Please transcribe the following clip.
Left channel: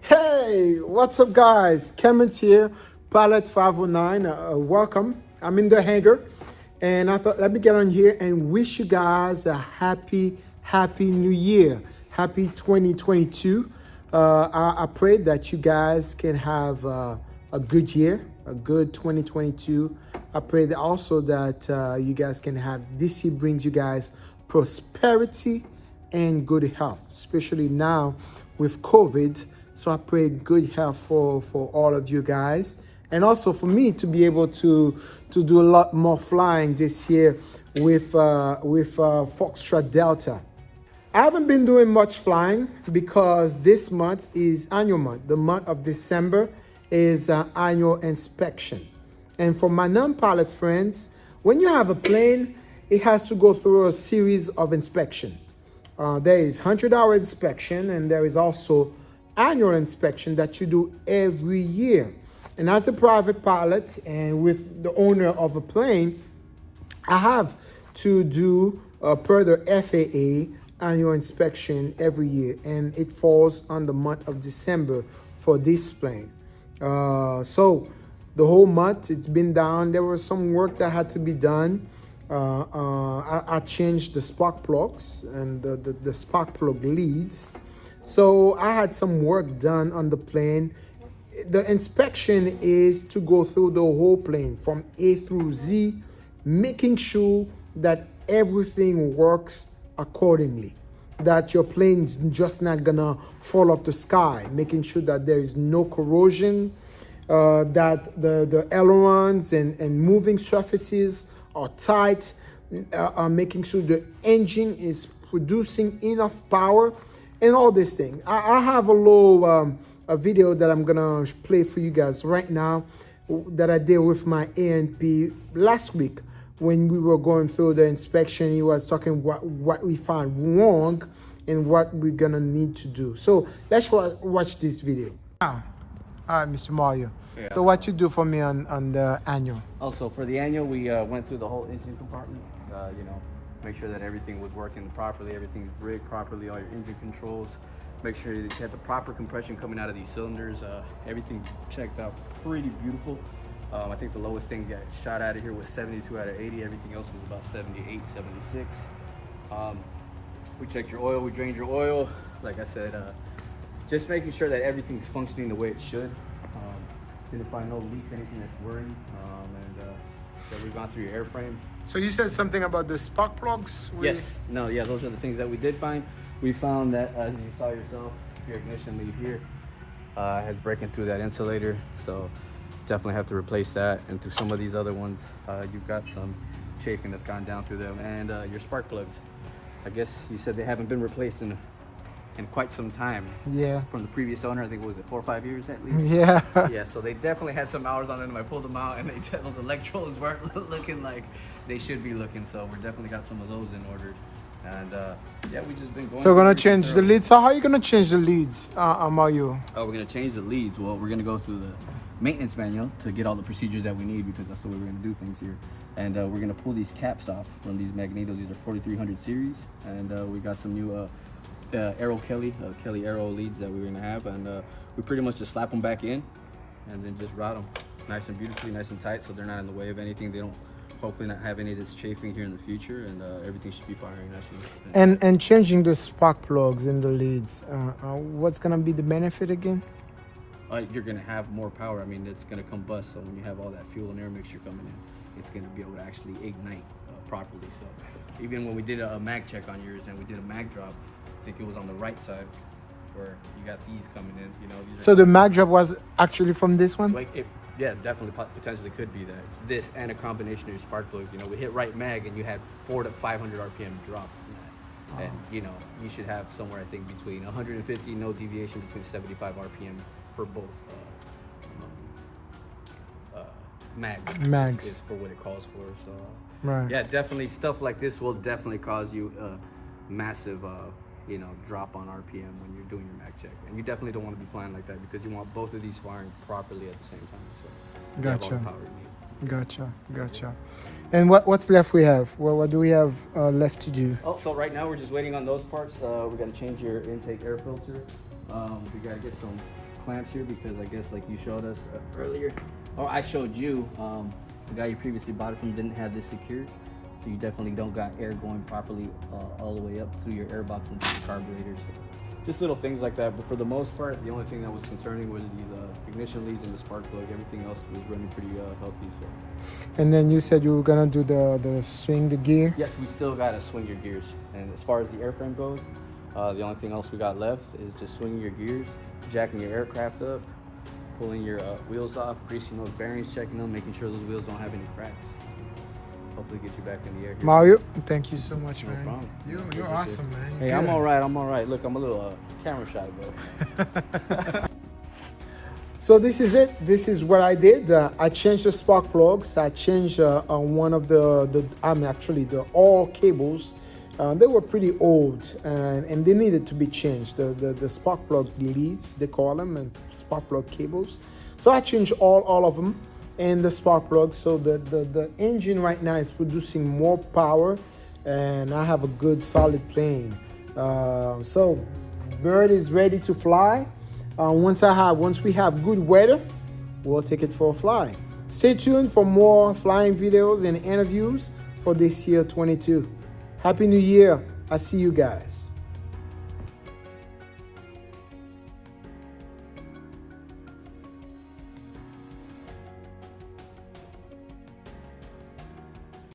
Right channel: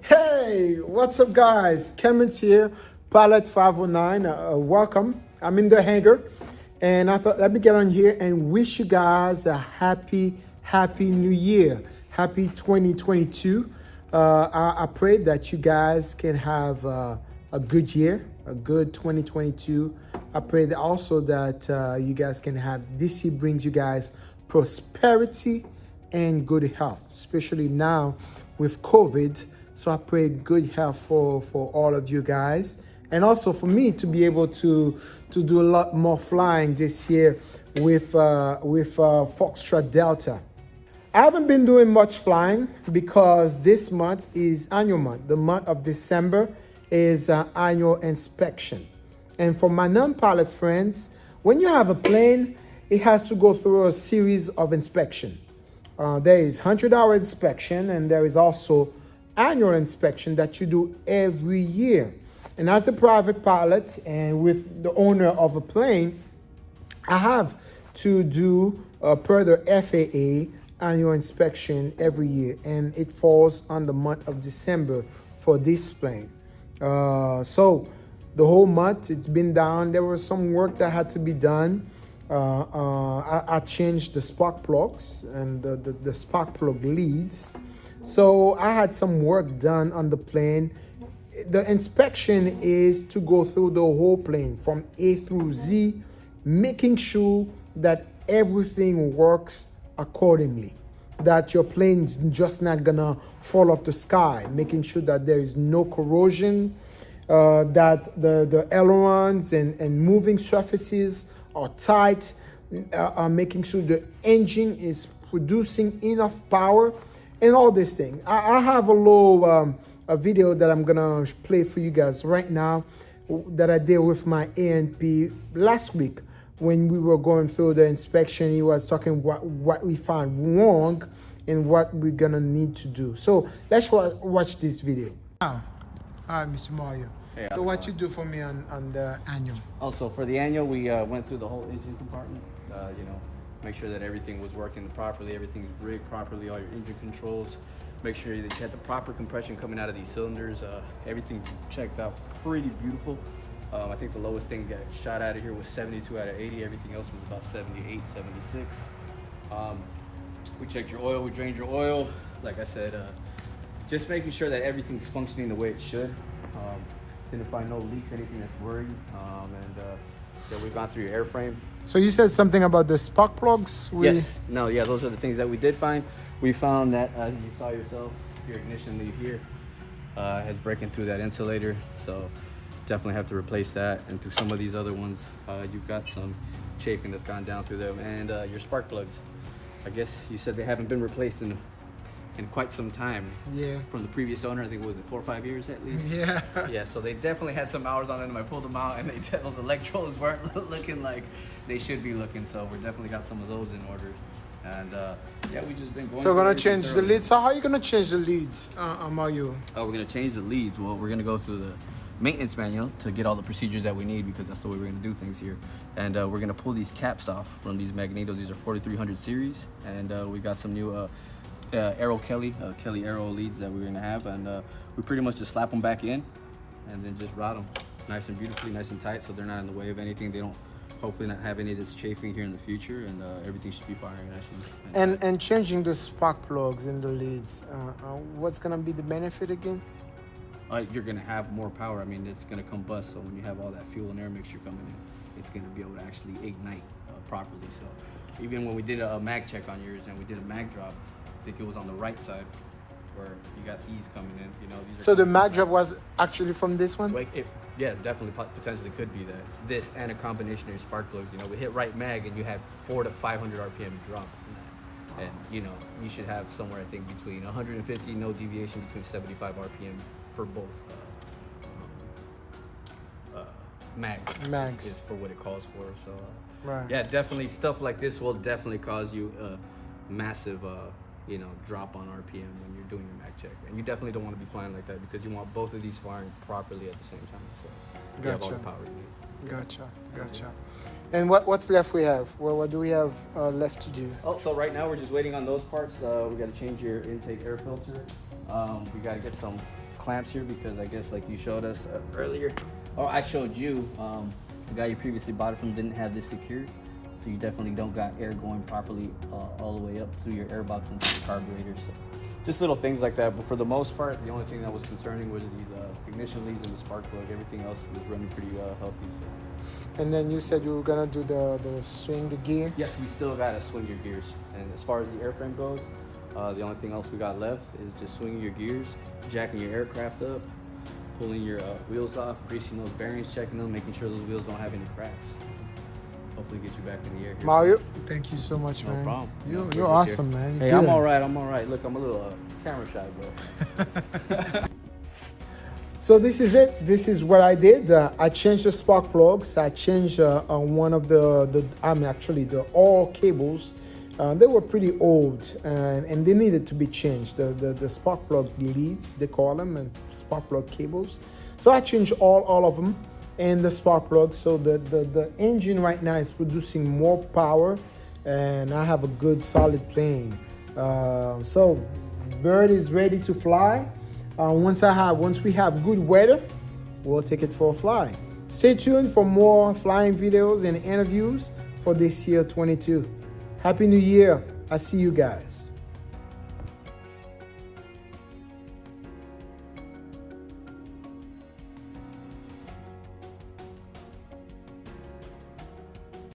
Hey, what's up, guys? Clements here, Pilot 509. Welcome. I'm in the hangar, and I thought let me get on here and wish you guys a happy new year. Happy 2022. I pray that you guys can have a good year, a good 2022. I pray that also that you guys can have this year brings you guys prosperity and good health, especially now with COVID. So I pray good health for all of you guys, and also for me to be able to do a lot more flying this year with Foxtrot Delta. I haven't been doing much flying because this month is annual month. The month of December is annual inspection. And for my non-pilot friends, when you have a plane, it has to go through a series of inspection. There is 100-hour inspection, and there is also annual inspection that you do every year. And as a private pilot and with the owner of a plane, I have to do per the FAA annual inspection every year, and it falls on the month of December for this plane. So the whole month it's been down. There was some work that had to be done. I changed the spark plugs and the spark plug leads. So I had some work done on the plane. The inspection is to go through the whole plane from A through Z, making sure that everything works accordingly, that your plane's just not gonna fall off the sky, making sure that there is no corrosion, that the ailerons and moving surfaces are tight, making sure the engine is producing enough power, and all this thing. I have a little a video that I'm gonna play for you guys right now that I did with my ANP last week when we were going through the inspection. He was talking what we found wrong and what we're gonna need to do. So let's watch this video. All right, Mr. Mario. Yeah, so what you do for me on the annual? Also, for the annual, we went through the whole engine compartment. You know, make sure that everything was working properly, everything's rigged properly, all your engine controls. Make sure that you had the proper compression coming out of these cylinders. Everything checked out pretty beautiful. I think the lowest thing got shot out of here was 72 out of 80. Everything else was about 78, 76. We checked your oil, we drained your oil. Like I said, just making sure that everything's functioning the way it should. Didn't find no leaks, anything that's worrying. Yeah, we've gone through your airframe. So you said something about the spark plugs? Yes, no, yeah, those are the things that we did find. We found that, as you saw yourself, your ignition lead here has breaking through that insulator. So definitely have to replace that. And through some of these other ones, you've got some chafing that's gone down through them. And your spark plugs, I guess you said they haven't been replaced in quite some time. Yeah. From the previous owner, I think, what was it, 4 or 5 years at least? Yeah. Yeah, so they definitely had some hours on them. I pulled them out, and those electrodes weren't looking like they should be looking. So we're definitely got some of those in order. And yeah, we just been going. So we're gonna change the leads. So how are you gonna change the leads, Mario? Oh, we're gonna change the leads. Well, we're gonna go through the maintenance manual to get all the procedures that we need, because that's the way we're gonna do things here. And we're gonna pull these caps off from these magnetos. These are 4300 series, and we got some new Kelly Aero leads that we're gonna have, and we pretty much just slap them back in and then just route them nice and beautifully, nice and tight, so they're not in the way of anything. They don't hopefully not have any of this chafing here in the future, and everything should be firing nice and changing the spark plugs in the leads. What's gonna be the benefit again? You're gonna have more power. I mean, it's gonna combust, so when you have all that fuel and air mixture coming in, it's gonna be able to actually ignite properly. So even when we did a mag check on yours and we did a mag drop, I think it was on the right side where you got these coming in. You know, these are so the mag drop was actually from this one? Like yeah, definitely potentially could be that. It's this and a combination of your spark plugs. You know, we hit right mag and you had 400 to 500 RPM drop on that. And you know, you should have somewhere, I think, between 150, no deviation, between 75 RPM for both mags is for what it calls for. So right. Yeah, definitely stuff like this will definitely cause you a massive you know, drop on RPM when you're doing your mag check, and you definitely don't want to be flying like that, because you want both of these firing properly at the same time, so you have all the power you need. Gotcha, gotcha. And what's left we have? What do we have left to do? Oh, so right now we're just waiting on those parts. We got to change your intake air filter. We got to get some clamps here because I guess like you showed us earlier, or I showed you, the guy you previously bought it from didn't have this secured. So you definitely don't got air going properly all the way up through your air box into the carburetor. So just little things like that. But for the most part, the only thing that was concerning was these ignition leads and the spark plug. Everything else was running pretty healthy. So. And then you said you were gonna do the swing the gear. Yes, we still gotta swing your gears. And as far as the airframe goes, the only thing else we got left is just swinging your gears, jacking your aircraft up, pulling your wheels off, greasing those bearings, checking them, making sure those wheels don't have any cracks. Hopefully get you back in the air here. Mario, thank you so much, No man. problem. You're awesome, man. Hey, Good. I'm all right. I'm all right. Look, I'm a little camera shy, bro. So this is it. This is what I did. I changed the spark plugs. I changed one of actually the all cables. They were pretty old and they needed to be changed. The spark plug leads, they call them, and spark plug cables. So I changed all of them and the spark plugs. So the engine right now is producing more power, and I have a good solid plane. So bird is ready to fly. Once we have good weather, we'll take it for a fly. Stay tuned for more flying videos and interviews for this year 22. Happy New Year. I see you guys.